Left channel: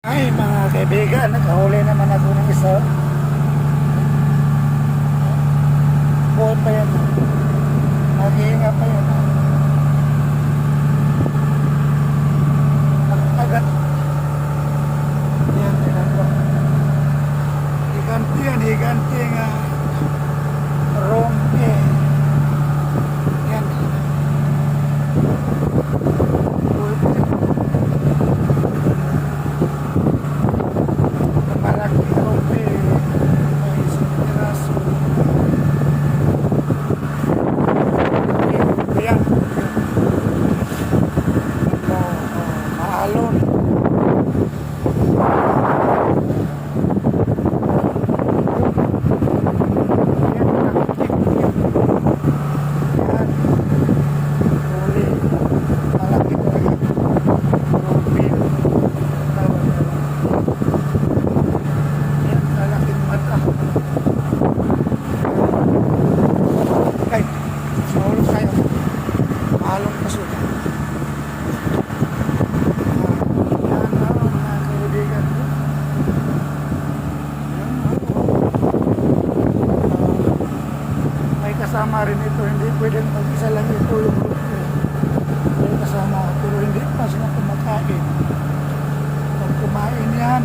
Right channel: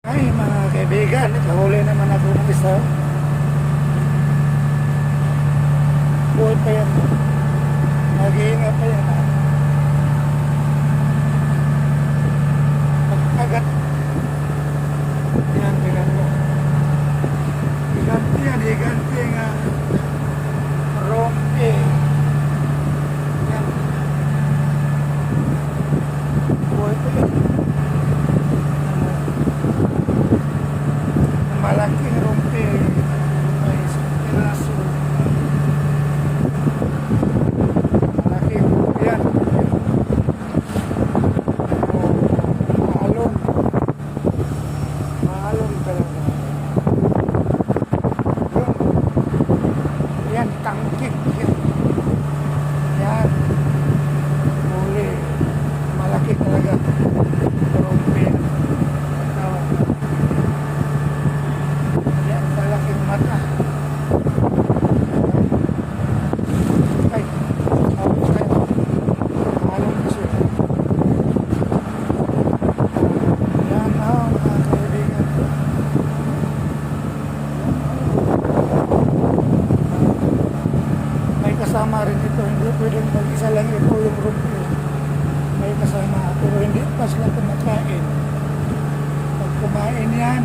Ay mga kaibigan, nakahuli naman ako ng isa. Buhay pa yan. Nag-iinga pa yan. Pag-agat. Yan, tingnan mo. Higanti nga. Rompe. Yan. Buhay pa yan. Malaki rompe. May isang piraso. Malaki rompe yan. Maalon. Yan, taktik. Yan. Huli. Malaki talaga. Rompe. Tawag na. Yan, lalaking mata. Ay, saulo kayo. Mahalong kaso. Yan, mga kaibigan. Yan, may kasama rin ito. Hindi pwedeng mag-isa lang ito yung rompe. May kasama. Pero hindi pa sila kumakain. Pag kumain yan,